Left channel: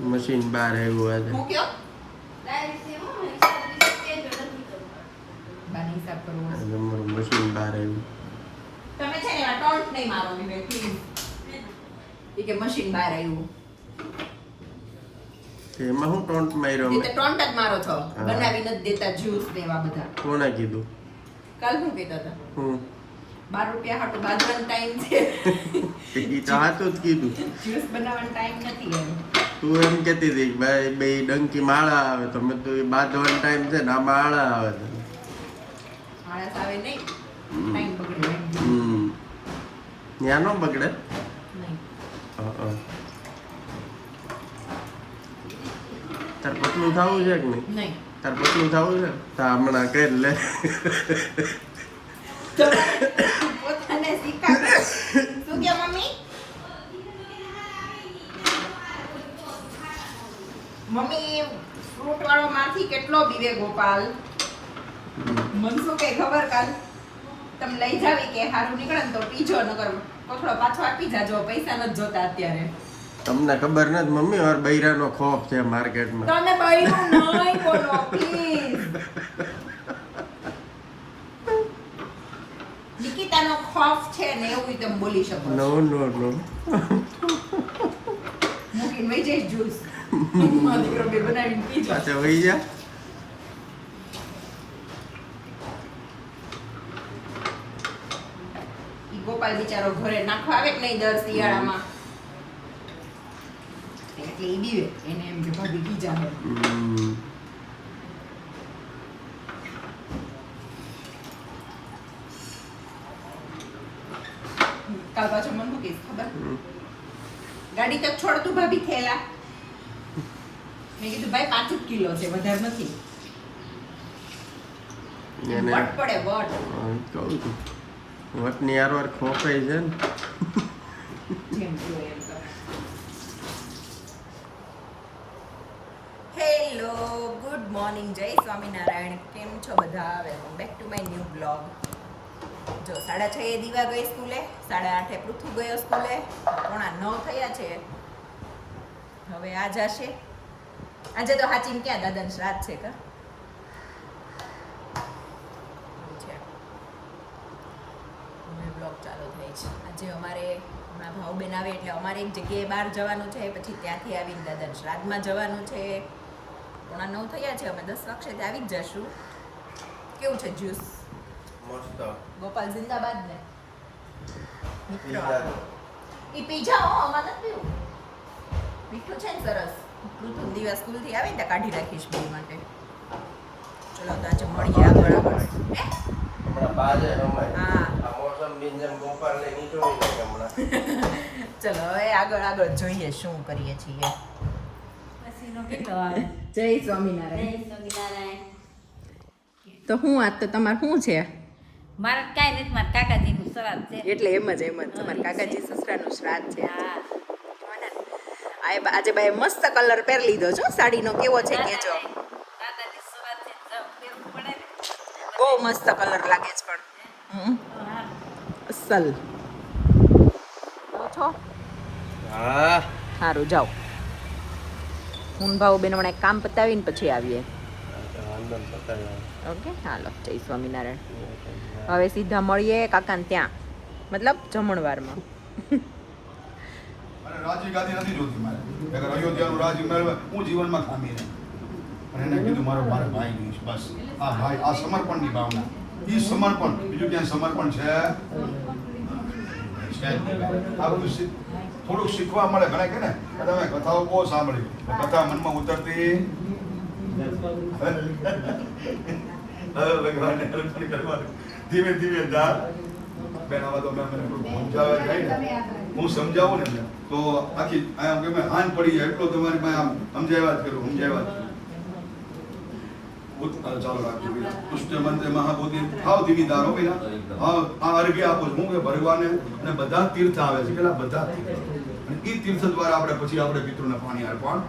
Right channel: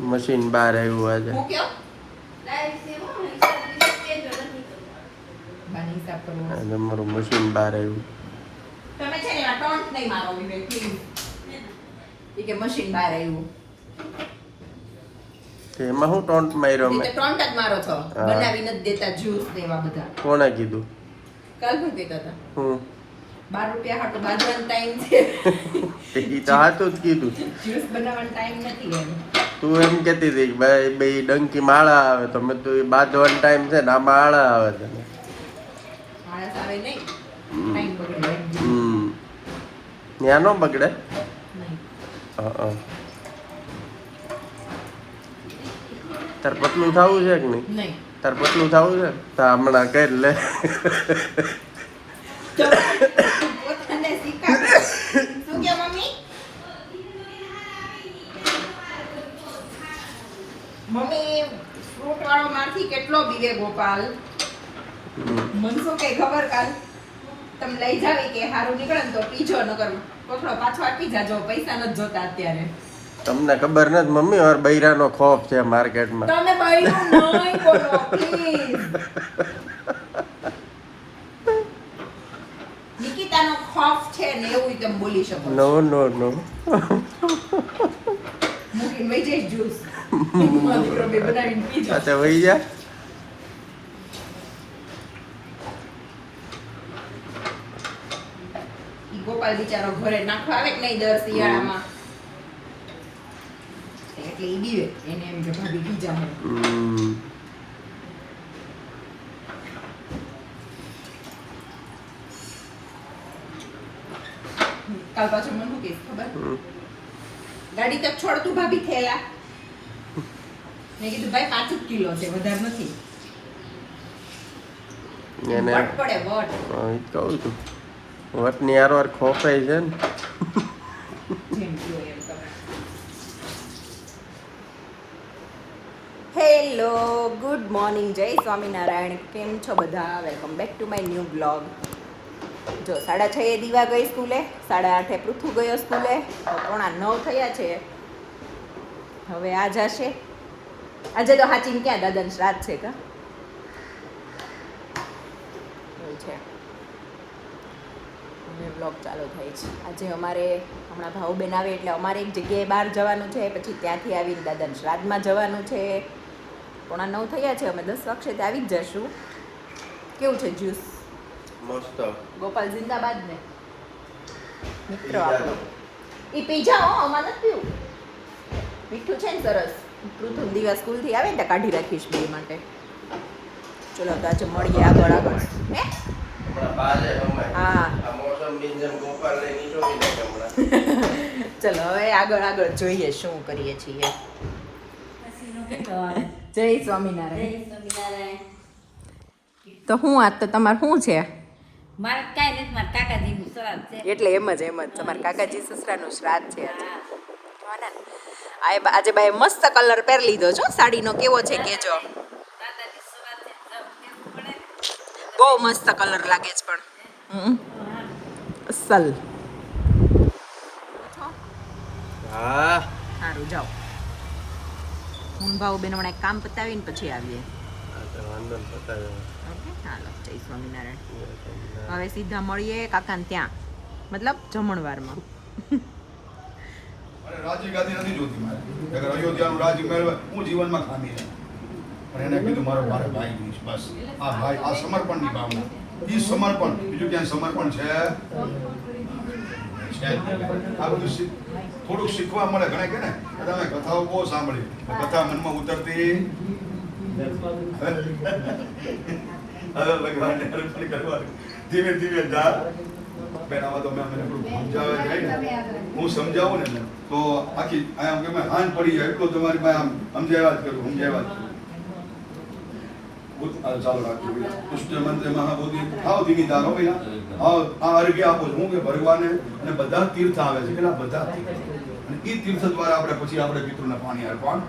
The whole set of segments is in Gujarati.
મશીન બહાર આવ્યું આજે. હું કયો બાની હિસાબ કરવો. આજે મારું મશીન બહાર આવ્યું. તમે છે ને આ ટોન્ટ નહીં મારો વિવેક પ્લીઝ. ઈ કે મશીન બહાર આવ્યું. તે એમાં હું ટોન્ટ માર્યો તે મેં? તો ટોન્ટ જ મારો છો. હા. બનાવી નથી દેતા જ્યુસ ને એવા બધા. કોણે કીધું? કાલ શું કહેતા હતા? હું 12 રૂપિયા હાટુ બાંધવાનો ટાઈમ છે. ઈ તો હાચું જ કીધું. જ્યુસ બનાવવાનો ટાઈમ નથી એમ. તું એમ કહેતી હતી કે ભાઈ બે ડંકી માળા આવે તો મેં તો એ બાંધવાનો ટાઈમ છે ને આ માળા આવે છે ને. માણસ આવે નહીં. ટાઈમ બગડે એમ. ત્યાં નો બગડે. નહીં. હા. તાર પતલું થવું છે કે નહીં? નહીં. તાર પતલું થવું છે તો હમણાં કરી લે. પોતાને શીખાડો. શું કે મમ્મી? મમ્મી ફ્રૂટ વાળો માંથી કેટલો બીવે ગોપાલ. મનસો કઈ ખબર કાલ તમે લઈ જાવી કે હારું નીકળે ને તો પીજો નકર પકડો પાછો આપી જાજો પૈસા નથી જોતા અત્યારે. તમને ખબર નથી મમ્મી મારા બૈરાનો ખોફ છે માર્કેટમાં. તમે બૈરું નહીં બોલો પ્લીઝ. નિકિતાનો ખોફ છે ને એવું તમે બોલી શકો. નો નો નો. મૂકીને વહી જઈશ જ્યુસ. મારો દીકરો બે બનાવીને પીજો. અચ્છા વહી જા. ઈ ગોપાલ બિચારો ઘરે નાખવા આવે કે નહીં દર શિયાળામાં એટલે ઈ બીવે એને એમ કે ભાભી બીજા હે. કાલ પાછો મને શું કહીશ ખબર? ગાડી તક છોડતું ભાભી થયેલા. મેં કીધું ભાઈ 5 કિલો છે વધારે નથી. એને વટ પડે વટ. કહું છું વટની હારવાર ખોફાઈ છે ને. જેમ કયો એમ કરો. હેલો ગુડ મોર્નિંગ જય સ્વામિનારાયણ. કેમ છો બધા? Welcome back to my new blog. જો 6:30 દીવા ગઈ સ્કૂલે, 8:30 પૃથુ ગયો સ્કૂલે, 8:45 થયા છે. હવે આ જશે. આજે તો હાચીને ક્યાં દાદાને શ્રાદ્ધ છે કા એવું છે. હવે બ્લોગ ચાલુ થાય છે. આજે અમારે હમણાં ભાવબેન આવે એટલે અમારે એક જગ્યાએ બહાર જવાનું છે, પછી ત્યાંથી આવીને દાદાને શ્રાદ્ધમાં જવાનું છે. 8:45 થયા છે. અમે 10 વાગે આવી જ જશું. કેવું છે જ્યુસ? મસ્ત. ગોપાલ જિંદાબાદ ને મિત્રો આપણો ઈ પી જાઓ. આમાં નથી પીવું. મીઠું છે ને સરસ. પૃથુ દિવસ સ્કૂલથી આવે ને તો કાઢી રાખીશ બે માટે. ચલો તો આજે મળીએ આગળ આગળ. હે હા ચલો હવે આગળ આગળ જોઈએ શું કરીએ છીએ. જય સ્વામિનારાયણ. તો હું આજ તો તમારે શું છે? મારે કાંઈ નથી, મારા કાકાજીનું શ્રાદ્ધ છે. એટલે એમ જ તમારા કાકાજી સસરાનું શ્રાદ્ધ છે. આજે બાઈ મસ્ત કલર પહેરી લીધો છો. સાડીનો કેવો છે કેજો. કાકાજી સવારથી જ પહેરવું પડે ને. બહુ મસ્ત કલર લાગે છે પણ અસલ છો. હા સારું જાઓ. હું ભાવ બેન હમણાં એક કામ પતાવીને પછી આવીએ. ઓકે હાલો જય સ્વામિનારાયણ. હવે સીધા મળીએ કાકાને ત્યાં, મતલબ જમણવારમાં. રાજી ગાદી નથી જોતી મારે. અગર અયોધ્યાનું રાજી મેળવે હું જીવનમાં ખામી રહે. પણ એને કીધું મારો ભાઈ નહીં બસ. આ ભાઈ આ સમર્પણની ભાવના. એ સમર્પણ બીજું ક્યાં સમર્પણ છે? આ બધું થોડુંક શીખવા મળે. ઘણા કે ને તમે કથાઓ બહુ સાંભળ્યું, કથા મનમાં ઉતરતી ધીમે ધીમે જા. બેન આવા તો મને સમજાવે જાય ને, હું સમજાવું ને તો આખી આમ કે મેં હાન પડી જાય એટલો તમારી પાસે આમ સમજાવ્યા જ કરું. ચાલો રાખજો. પુષ્ટ મંત્ર મહાબોધિ ખાવ ધીમી ધારો ભાઈ. આ અર્ઘ્ય આપો હું કે ભગવાને અને બધા તીર્થ આવે છે પેલા બધા તીર્થ, અને એ તીર્થ દ્વારા આપણે પછી આપણે પિતૃને પાણી અર્પણ.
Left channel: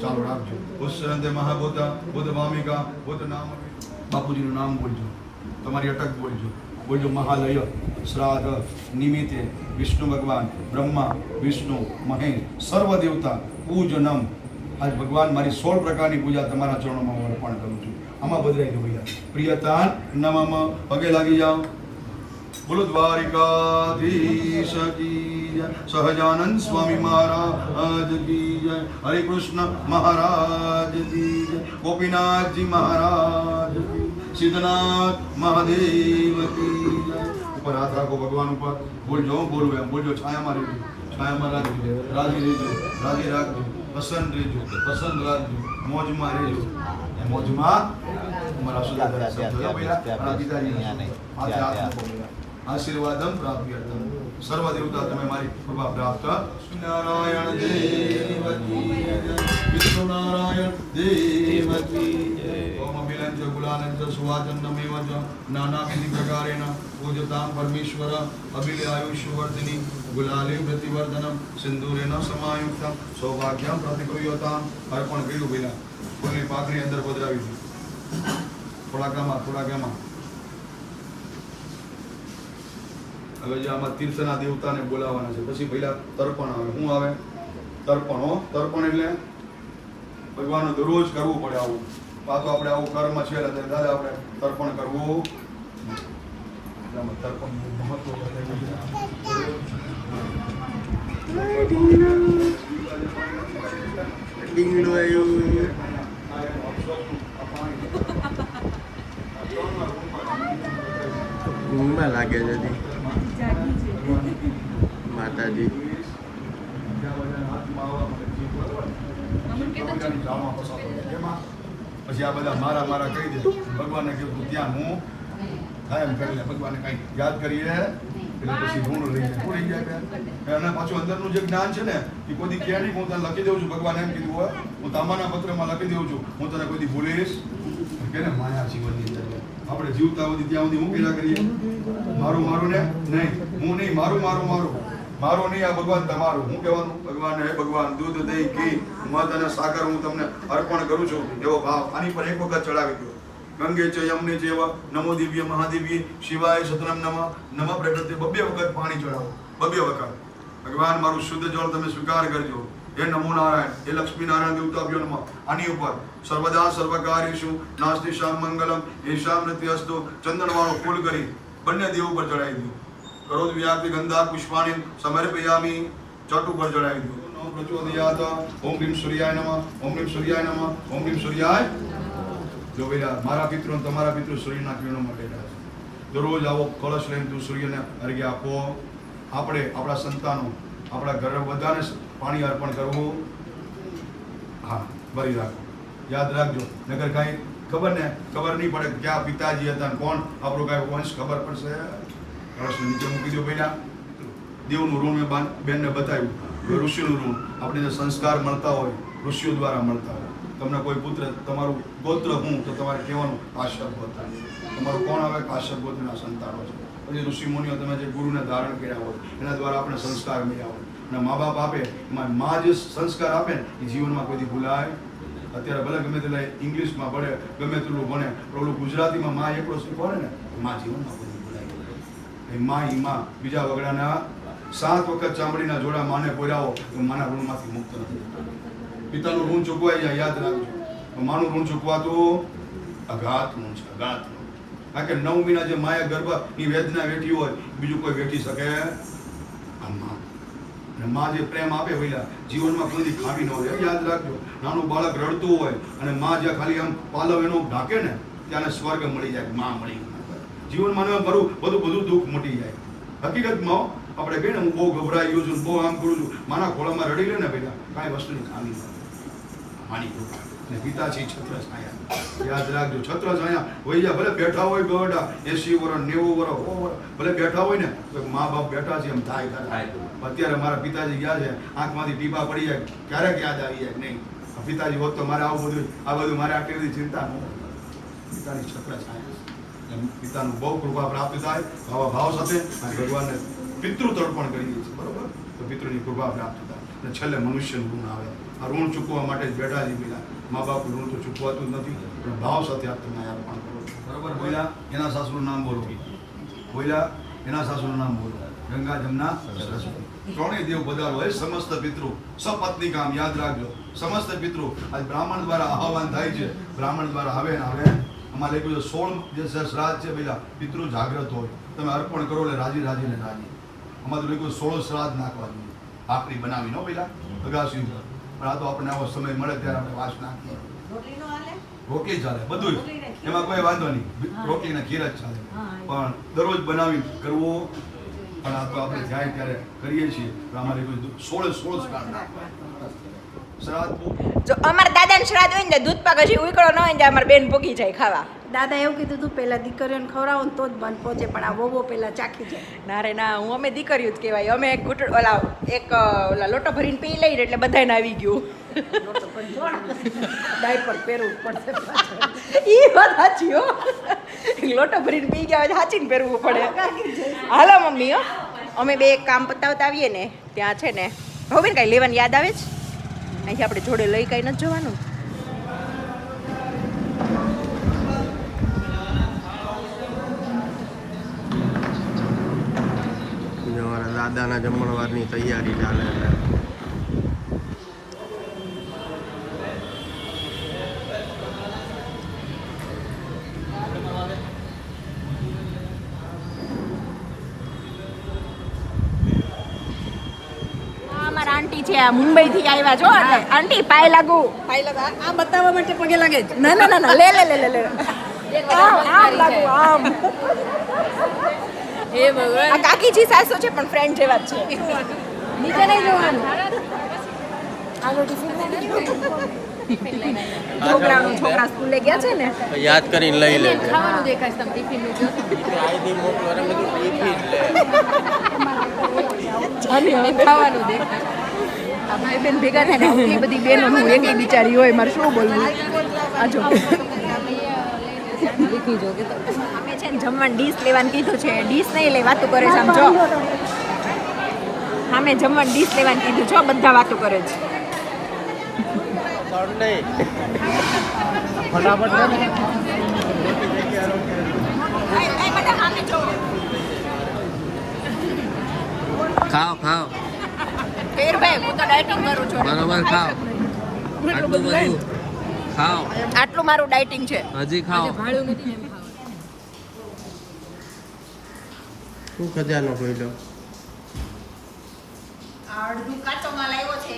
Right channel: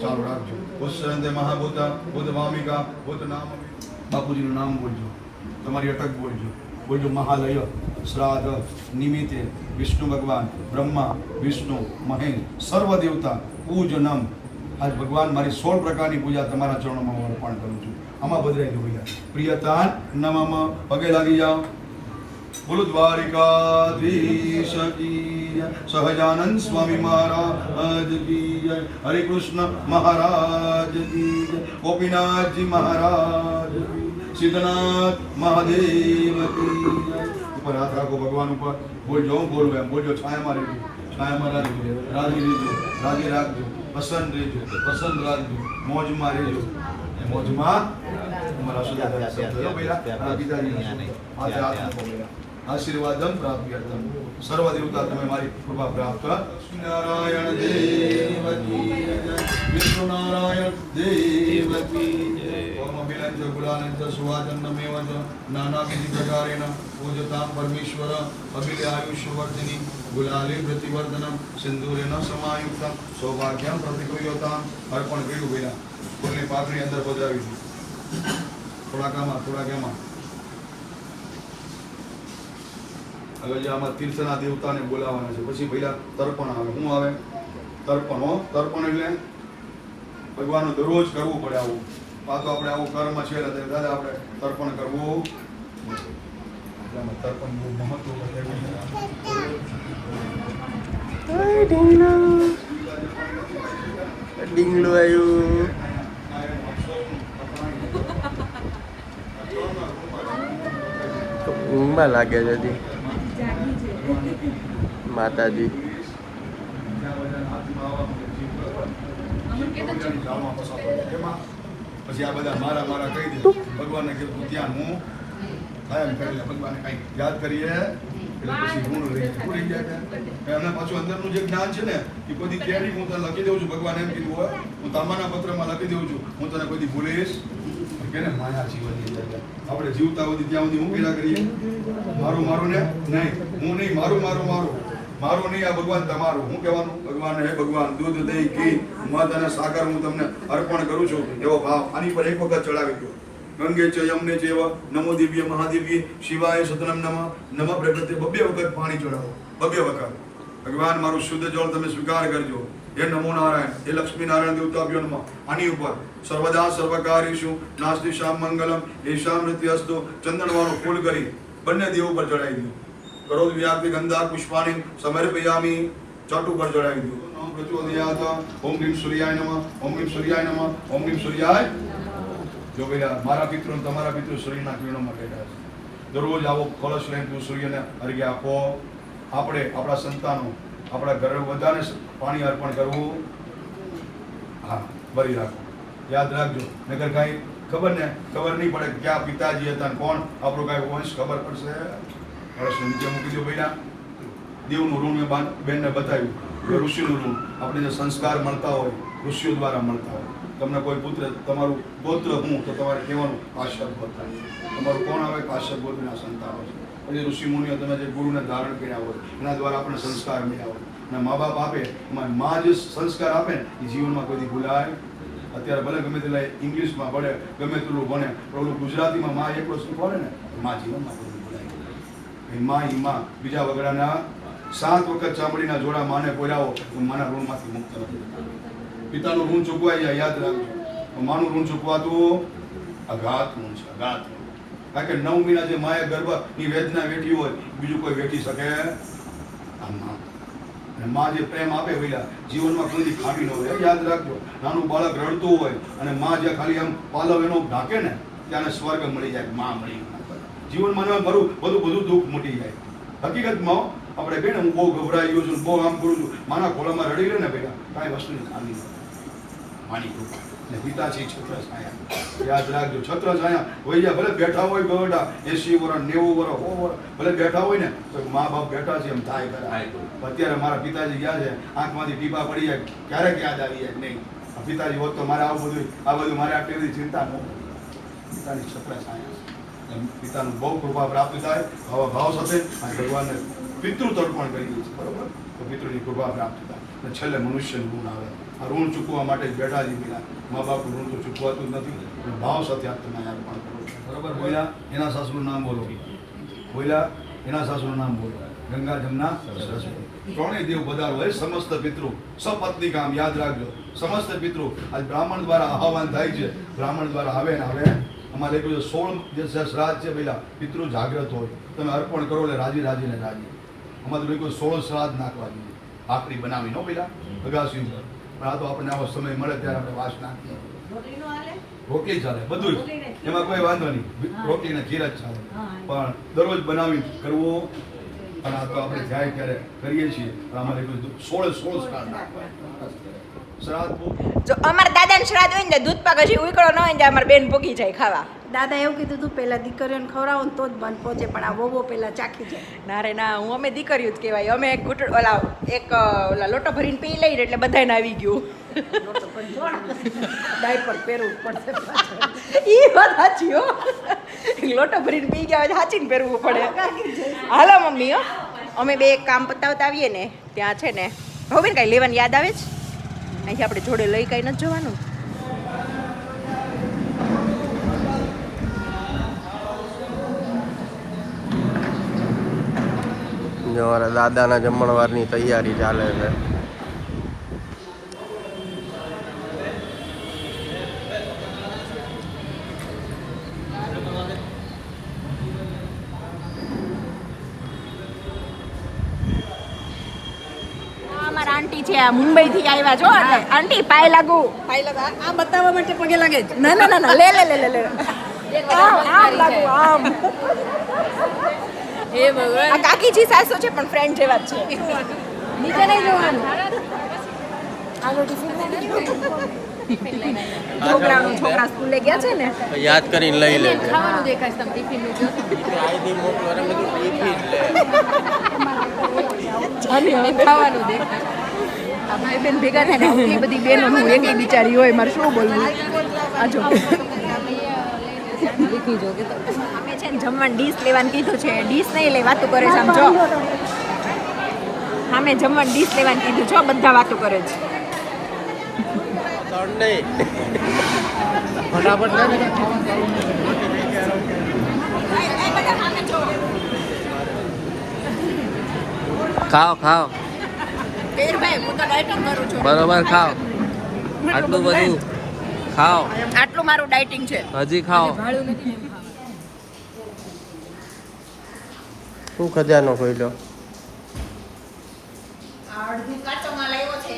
ચાલો રાખજો. પુષ્ટ મહાબોધા બુદ્ધ મામિકા બુદ્ધ નામ. બાપુજીનું નામ બોલજો, તમારી અટક બોલજો. બોલજો મહાલય શ્રાદ્ધ નિમિત્તે વિષ્ણુ ભગવાન બ્રહ્મા વિષ્ણુ મહેશ સર્વ દેવતા પૂજનમ. આજ ભગવાન મારી 16 પ્રકારની પૂજા તમારા ચરણોમાં હું અર્પણ કરું છું. આમાં બદલાઈ ગયું ભૈયા. પ્રિયતાન નમઃ. પગે લાગી જાઓ. બોલો દ્વારિકાધીશ કી જય. સહજાનંદ સ્વામી મહારાજ કી જય. હરે કૃષ્ણ મહારાજ કી જય. ગોપીનાથજી મહારાજ કી. સિદ્ધનાથ મહાદેવ કી જય. ઉપર હાથ રાખો ભગવાન ઉપર. બોલજો હું બોલું એમ બોલજો. છાયામાં રહેજો, છાયામાં રાખજો, રાજી રહેજો, રાજી રાખજો, પસંદ રહેજો, પસંદ રાખજો, મોજમાં રહેજો, મોજમાં. તમારા આશીર્વાદમ પ્રાપ્યર્થમ. સર્વ દેવતા તમે મારી કૃપા પ્રાપ્ત. નારાયણ દેવ કી જય. વિષ્ણુ નારાયણ દેવ કી જય. ઓમ અભિનંદ ગુલાનંદ સુવાચંદમેવ ચ નાનાવિધિ પ્રકારેણ પૂજતામ પરમેશ્વર અભિલે આયુષ્યવર્ધિની ગુલાલે પ્રતિવર્ધનમ સિંદૂરેન સમાયુક્તમ સૌભાગ્યમ પ્રતિકૂલ્યતામ. અર્પણ કર્યું ભાઈ. ફૂલની પાકડી અંદર પધરાવી દીધી. થોડાકામાં હવે જે આમાં તીર્થના દેવતાને બોલાવવાના છે. પછી પહેલા તર્પણ આવે. શું આવે? તર્પણ. તર્પણ એટલે ભગવાનનું દરરોજ કરવું પડે આવું. પાછું આપણે આવું કર્મ છે એટલે દાદા આપણે તર્પણ કરવું. તર્પણ મહત્વ ડીંગલું આવ્યું. ઊંઘમાં લાગે છે હજી. માતાજી પછી આ બધા મારા કહી દે. ભગવાનને કીધું ત્યાં હું એમ કરી લે. ભગવાનને કઈ યાદ કરીએ એટલે પછી ઋણ રહી જાય. રહી જાય અને પાછું અંદરનું જે જ્ઞાન છે ને એ કોઈ ક્યાંય હું તને લખી દઉં છું. ભગવાન એમ કીધું હોય હું તમારા પત્રમાં લખી દઉં છું હું તને કોઈ ભૂલીશ કે ને. માયા જીવનની અંદર આપણે જીવતા હોય ત્યાં સુધી હું પેલા કરીએ મારું ને નહીં, હું નહીં, મારું નહીં. આ ભગવાન તમારું. હું કહેવાનું? ભગવાન હે ભગવાન દૂધ દહીં ઘી મધ અને સાકર હું તમને અર્પણ કરું છું એવો ભાવ આની પર એક વખત ચડાવી દો. ગંગે ચ યમને ચેવ નમો દિવ્ય મહાદિવ્ય શિવાય સતનમ નમઃ પ્રગત્ય. 2 વખત પાણી ચડાવો. 2 વખત. ભગવાન મારું શુદ્ધ જળ તમે સ્વીકાર કરજો. હે નમો નારાયણ, હે લક્ષ્મી નારાયણ દેવતાભ્યો નમઃ. આની ઉપર સર્વદા સર્વકાર્યેષુ નાસ્તિ શામ મંગલમ એશામ નૃત્યસ્તુ. ચંદનવાળું ફૂલ કરી બંને દેવ ઉપર ચડાવી દો. કરોદ વ્યાપી ગંધા પુષ્પાણી સમર્પયામી. ચટ ઉપર ચડાવી દો. નમઃ પ્રચોદયાત. ઓમ ભીમ સૂર્યાય નમઃ. ઓમ ભીમ સૂર્યાય નમઃ. ઓમ ભીમ સૂર્યાય. જો ભાઈ મારા પિતૃ તમારા પિતૃ સૂર્યના કિરણો માટે છે. દરરોજ આવો કળશ લઈને તું સૂર્યને અર્ઘ્ય આપો. આપણે આપણા સંતાનો આપણા ઘર બધાને પાણી અર્પણ કરવું. હા, ભરી રાખો. યાદ રાખજો. નગર કાંઈ ખબર નહીં પડે ક્યાં પિતાજી હતા કોણ આપણો કાંઈ વંશ ખબર પડશે. કળશ નીચે મૂકી દો ભાઈ. દેવનું ઋણ મેં બેનને બતાવ્યું. ઋષિનું ઋણ આપણે જે સંસ્કાર મળતા હોય ઋષિઓ દ્વારા મળતા હોય. તમને કોઈ પુત્ર તમારું ગોત્ર હું તો તમારે કહેવાનું કાશ્યપ ગોત્ર. તમારું કોણ આવે? કાશ્યપ ગોત્રના સંતાનો છે. પછી ઋષિ મુનિઓ તમે જે ગુરુને ધારણ કર્યા હોય એના દ્વારા આપણે સંસ્કાર મળ્યા હોય. અને મા બાપ આપે એમાં મા જે સંસ્કાર આપે ને એ જીવનમાં કોઈ ભૂલાય. અત્યારે ભલે ગમે તેટલા ઇંગ્લિશમાં ભણે ગમે તેટલું ભણે પણ ગુજરાતીમાં મા એકલો શીખવાડે ને તો મા જીવનમાં કોઈ ભૂલાય. એ મા બીજા વગડાના 7 વખત ચામડીના જોડા માને પોરાવો તો માના ઋણમાંથી મુક્ત નથી. પિતાનું ઋણ ચૂકવાઈ જાય. યાદ રાખજો. માનું ઋણ ચૂકવાતું અઘાત ઋણ છે. અઘાત. કારણ કે 9 મહિના જે માએ ગર્ભની વેદના વેઠી હોય બીજું કોઈ વેઠી શકે આ મા. અને મા જે પ્રેમ આપે વૈલા જીવનમાં કોઈ ખામી ન હોય. યાદ રાખજો. નાનું બાળક રડતું હોય અને મા જ્યાં ખાલી આમ પાલવ એનો ઢાંકે ને ત્યાંને સ્વર્ગ મળી જાય. મા મળી જીવનમાં બધું દુઃખ મટી જાય. હકીકતમાં આપણે કહીએ ને હું બહુ ગભરાઈ ગયો છું બહુ આમ કરું છું માના ખોળામાં રડી લે ને પેલા કાંઈ વસ્તુની ખામી ન માની કૃપા. ને પિતા છે છત્ર છાયા. યાદ રાખજો. છત્ર છાયા હોય જાય ભલે બેઠા હોય ગવડા 80 વર્ષ 90 વર્ષ 100 વર્ષ ભલે બેઠા હોય ને તો મા બાપ બેઠા છે એમ થાય કરે. અત્યારે મારા પિતાજી ગયા છે આંખમાંથી ટીપા પડી જાય ક્યારેક યાદ આવી જાય નહીં. પિતાજી હોત તો મારે આ બધું મારે આટલી બધી ચિંતા ન હોય. પિતાની છત્ર છાયા. પિતાનું બહુ કૃપા પ્રાપ્ત થાય આવા ભાવ સાથે અને ભગવાનને પિતૃ તર્પણ કરી દઈએ છીએ. બરોબર? તો પિતૃની કૃપા પ્રાપ્ત થાય અને છેલ્લે મનુષ્યનું ઋણ આવે. આ ઋણ ચૂકવવા માટે જ બેઠા છે પેલા. મા બાપનું ઋણ તો ચૂકવાતું જ નથી પણ ભાવ સાથે આપ તમે અર્પણ કરો. બરોબર? બોલ્યા? એના સાસુનું નામ બોલો. બોલ્યા એના સાસુનું નામ બોલો ગંગા જમના સરસ્વતી ત્રણેય દેવ પધારો હોય સમસ્ત પિતૃ સપત્ની કામ યાદ રાખજો સમસ્ત પિતૃ આજ બ્રાહ્મણ દ્વારા આહવાન થાય છે બ્રાહ્મણ દ્વારા આવે ને આવે અમારે કોઈ 16 જે શ્રાદ્ધ છે પેલા પિતૃ જાગ્રત હોય તમે અર્પણ કરો એટલે રાજી રાજીને રાજી અમારે કોઈ 16 શ્રાદ્ધ નાખવા જોઈએ ભાખરી બનાવી નો પેલા અગાસી ઉપર પણ આ તો આપણને આવો સમય મળે ત્યારે આપણે વાસ નાખીએ રોટલી ચાલે બધું જ એમાં કોઈ વાંધો નહીં રોટલીને ખીર જ ચાલે પણ દરરોજ બનાવી કરવું અને આ તો આપણે જાય ત્યારે કરીએ છીએ પણ અમારે કોઈ 16 શ્રાદ્ધ નાખવા શ્રાદ્ધ જો અમારા દાદાને શ્રાદ્ધ હોય ને દૂધ પાક હજી ઉકળો ન હોય ને અમારે બેન ભૂગી જાય ખાવા. દાદા એવું કીધું તું પહેલા દીકરીઓને ખવડાવો ને તો જ બંધ પહોંચે પણ આ વોવો પહેલા ચાખી જાય. ના રે ના હું અમે દીકરીઓ જ કહેવાય અમે એક ઓલા લોટો ભરીને પી લઈએ એટલે બધાને આવી ગયું. ડાયપર પહેરવું પડશે ઈ વાત સાચી હો લોટો ભરીને પી ગયા હોય સાચીને પહેરવું પડે. હાલો મમ્મી હો અમે બે એક કામ પતાવતા આવીએ ને ત્યાં છે ને હવે કાંઈ લેવાની યાદ આવે છે અહીંથી આપણે જોડે લઈ કાંઈ નથી જવાનું. અમારા દાદાના જમણવારની તૈયારી ચાલે એટલે અમારા આંટી છે આ મુંબઈ થી આવ્યા છો આંટી પાય લાગુ આ બતાવવા માટે પગે લાગે છે. ના ના ના ના લે લે લે લે લે આમ લાગુ આમ હે ભગવાન આ કાકીજી સાસુ છે પણ ફ્રેન્ડ જેવા જ છે. નીચે નહીં જોવાનું. છોકરા સ્કૂલે ગયા છે ને યાદ કરીને લઈ લેજે ખાવાનું દેખાય તમે ટિફિનનું જો ખાવાનું દેખાય આ ભાઈ બેન ભેગા થાય ને આટલી બધી બેનો હું એકલી બિચારી હોય મારે શું બોલવું. આજો દેખી જો કે અમે છે ને જમવાનું ડીશ લેવાનું કીધું છે ડીશ નહીં લે વાતો કરે છે આમ જો અમે જમવાનું ડીશ લેવાનું કીધું છો બધા વાતો કરે છે. ખાઓ ખાઓ બરોબર ખાઓ આટલું બધું ખાઓ આટલું મારું ડાયટિંગ છે. હજી ખાઓ શું ખજાનો ખોલ્યો અડધું કાચો માલ આવ્યો છે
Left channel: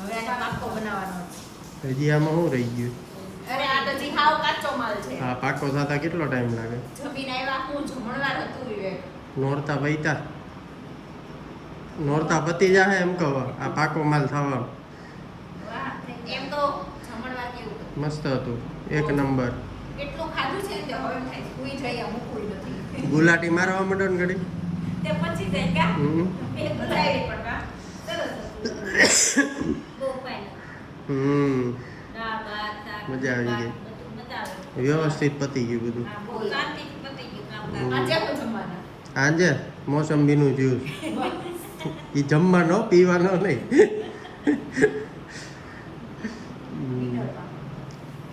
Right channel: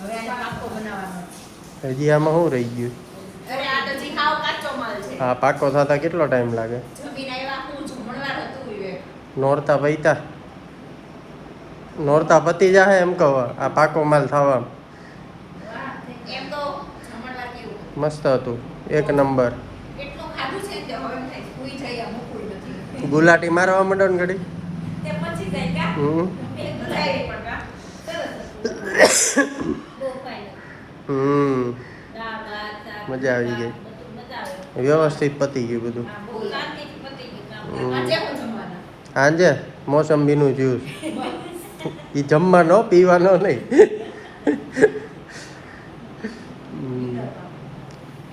હવે આને પાકો બનાવવાનો હજી આમાં શું રહી ગયું અરે આ તો જી હાવ કાચો માલ છે. આ પાકો થતા કેટલો ટાઈમ લાગે જમીને આવ્યા હું જમણવાર હતું વિવેક નોરતા પૈતા નોરતા પતી જાહે એમ કહો આ પાકો માલ થવા એમ તો જમણવાર કેવું મસ્ત હતું એક નંબર એટલું ખાધું છે કે હવે એમ થાય સુઈ જઈએ મૂકવું નથી ગુલાટી મારવા માંડો ને ઘડી તે પછી જાય ક્યાં હમ એ તો જાય પણ કા સરસ બહુ ફાઇન હમ દાળ ભાત શાક મજા આવી ગઈ બધું મજા આવે વ્યવસ્થિત પતી ગયું બધું બહુ શાંતિ પતી ગયું કામ આજે પણ જમવાના આજે મોસંબીનું જ્યુસ એ જમવાનો પીવાનો નહીં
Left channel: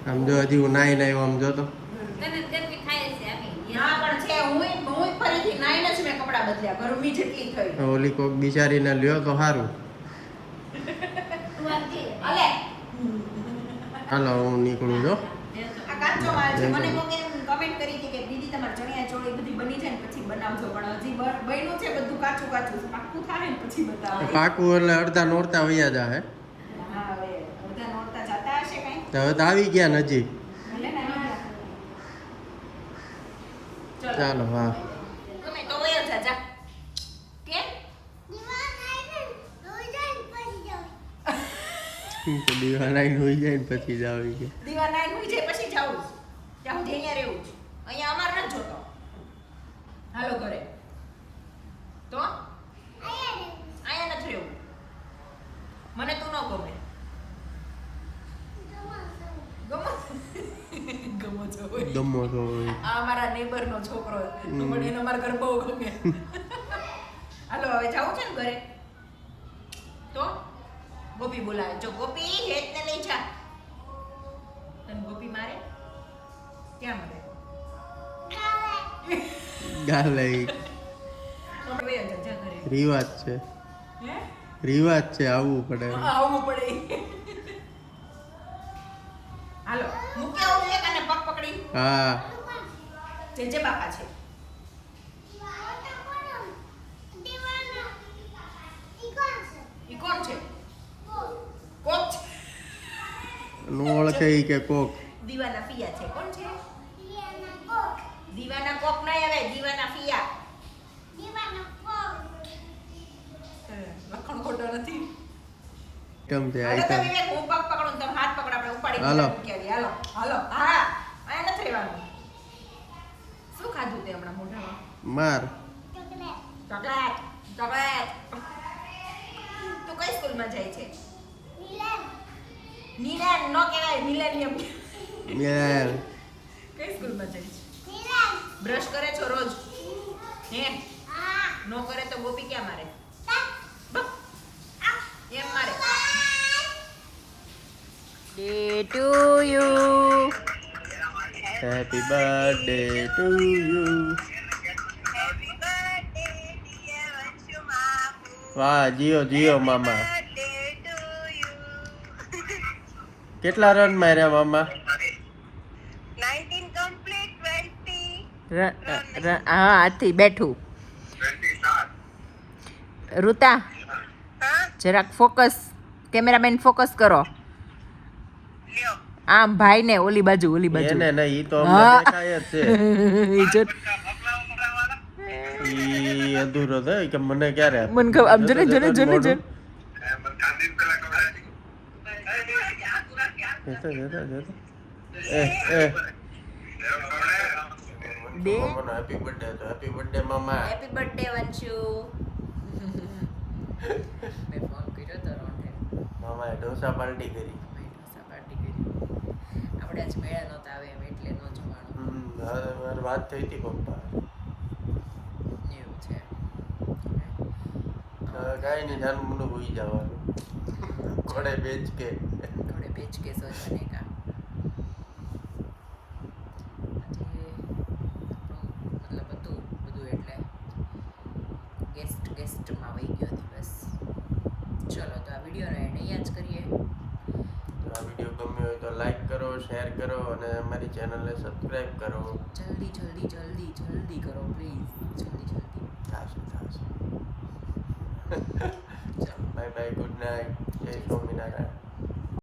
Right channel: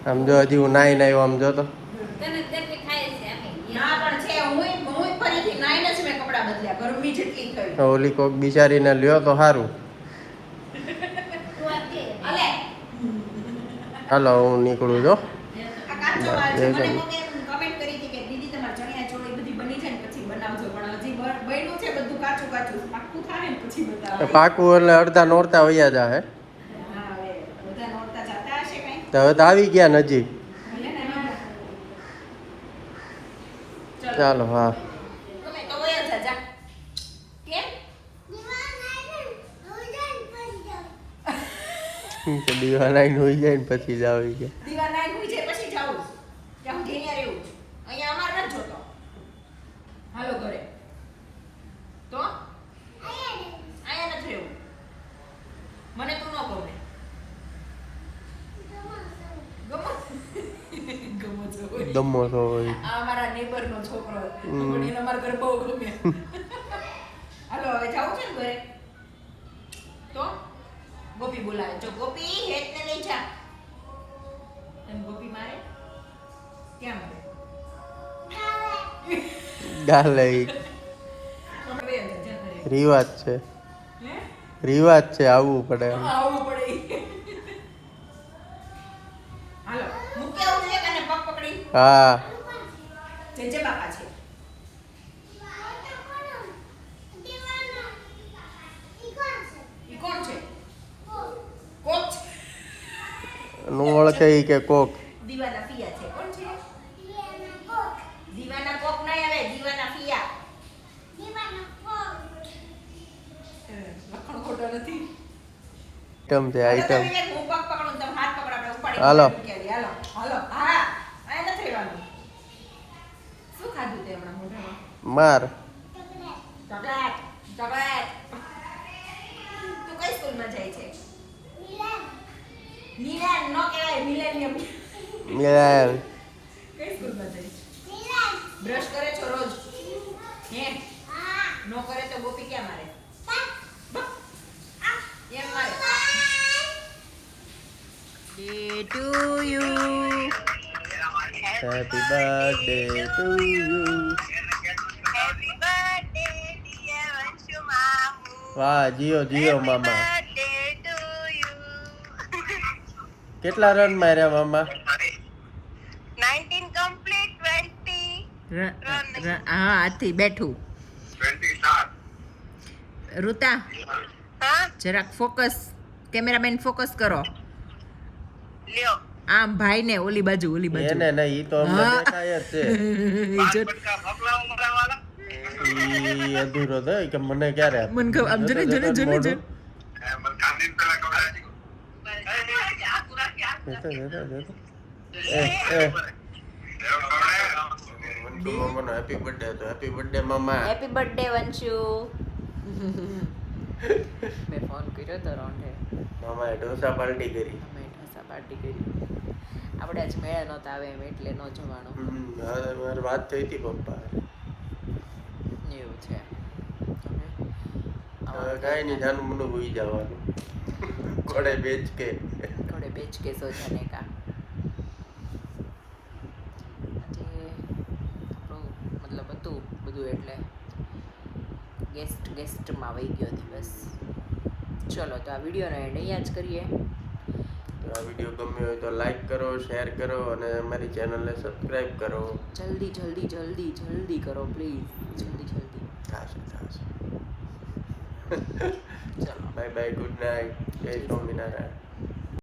આમ જો હજી હું નાઈ આવ્યો આમ જો તો તને તેમને ખાય છે અમે ના પણ છે હું ફરીથી નાઈને જ મેં કપડાં બદલ્યા ગરમી જેટલી થઈ ઓલી કોક બિચારીને લ્યો તો સારું તું આ કે અલે હાલો હું નીકળું જો આ કાચો માલ છે મને કોકે કમેન્ટ કરી હતી કે દીદી તમારે ચણિયા ચોળી બધી બની જાય ને પછી બનાવજો પણ હજી બન્યું છે બધું કાચું કાચું પાક્કું થાય ને પછી બતાવો પાકું એટલે અડધા નોરતા વયા જાહે હા હવે બધા નોરતા જતા હશે કાંઈ તો હવે તો આવી ગયા નજીક ભલે ને ચાલો હા તમે તો વયા જા કેમ દીવા લાઈન હોઈ જાય ને પછી જ આવી ગયા દીવા નાઈ હોઈ જાય પછી જાવું ત્યાં હું અહીંયા રહેવું છું અહીંયા અમાર ન જોતો હાલો ઘરે તો અહીંયા નથી રહેવું મને તું ન ગમે ગમો છો ગમો તો હોય આ અમારા નેબર નો છોકરો પણ એને અમારા ઘરે બહુ ગમે હાલો હવે જાવું છે ને ઘરે તો ગોપી બોલાવે જો ગોપી હેત ને લઈ જા તને ગોપી મારે ક્યાં મારે ગાલે રિવાજ છે રિવાજ છે આવવું પડે એમ. આવું પડે હાલો મૂકે આવું છે કને પગ પકડી હા જે બાપા છે ઈ કોણ છે કોક છે. નું ઓળખે ઈ કે કોક દીવાના પિયા છે કોણ છે દીવાના કોક નહીં આવે દીવાના પિયા લખણ ખોટો નથી આઈટમ છે આઈટમ હું પગ પકડું તમે હાથ પકડ આપણે ઉપાડી હાલો. હાલો હાલો હા આ નથી રહેવાનું શું ખાધું તે હમણાં મોઢામાં માર ચોકલેટ ચોકલેટ તું કઈ સ્કૂલમાં જાય છે મિલેન નો કહેવાય મિલેનિયમ મિલાલ કઈ સ્કૂલમાં જાય છે બ્રશ કરે છો રોજ હે નો કરે તો ગોપી ક્યાં મારે એમ મારે day to you happy birthday to you વાહ જીઓ જીઓ મામા કેટલા રન માર્યા મામા 19 complete 20 હા આથી બેઠું ઋતા હા જરાક ફોકસ કેમેરામેન ફોકસ કરો લ્યો આમ ભાઈ ને ઓલી બાજુ એને નહીં ઈ તો હા. દેખાય જ છે ઈ જો ઈ અધૂરો છે કે મને ક્યારે મન ખબર આમ જોને જોને જોને જોને હેપી બર્થડે તો હેપી બર્થડે મામા હેપી બર્થડે વંશુ મેં ફોન કર્યો તો રોંઢે મામાએ ઢોસા પાર્ટી કરી મેં ઢોસા પાર્ટી કરી આપણે આજ મેળા નહોતા આવે એમ એટલે ન જવાનું મારી વાત થઈ હતી પપ્પા એવું છે હવે કાંઈ નહીં જાનું મને ભૂઈ જવાનું ઘોડે બેચ કે થોડે બેચ કે સો જાને કા મતલબ હતું બધું એટલે ગેસ્ટમાં વહી ગયો દિવસ ચલો તો આ વિડીયોનો એન્ડ અહીંયા જ કરીએ તો આ વિડીયો ગમ્યો હોય તો લાઈક કરો શેર કરો અને અમારી ચેનલને સબસ્ક્રાઈબ કરો જલ્દી જલ્દી જલ્દી જલ્દી કરો પ્લીઝ જલ્દી જલ્દી થશે ચલો બાય બાય ગુડ નાઇટ જય સ્વામિનારાયણ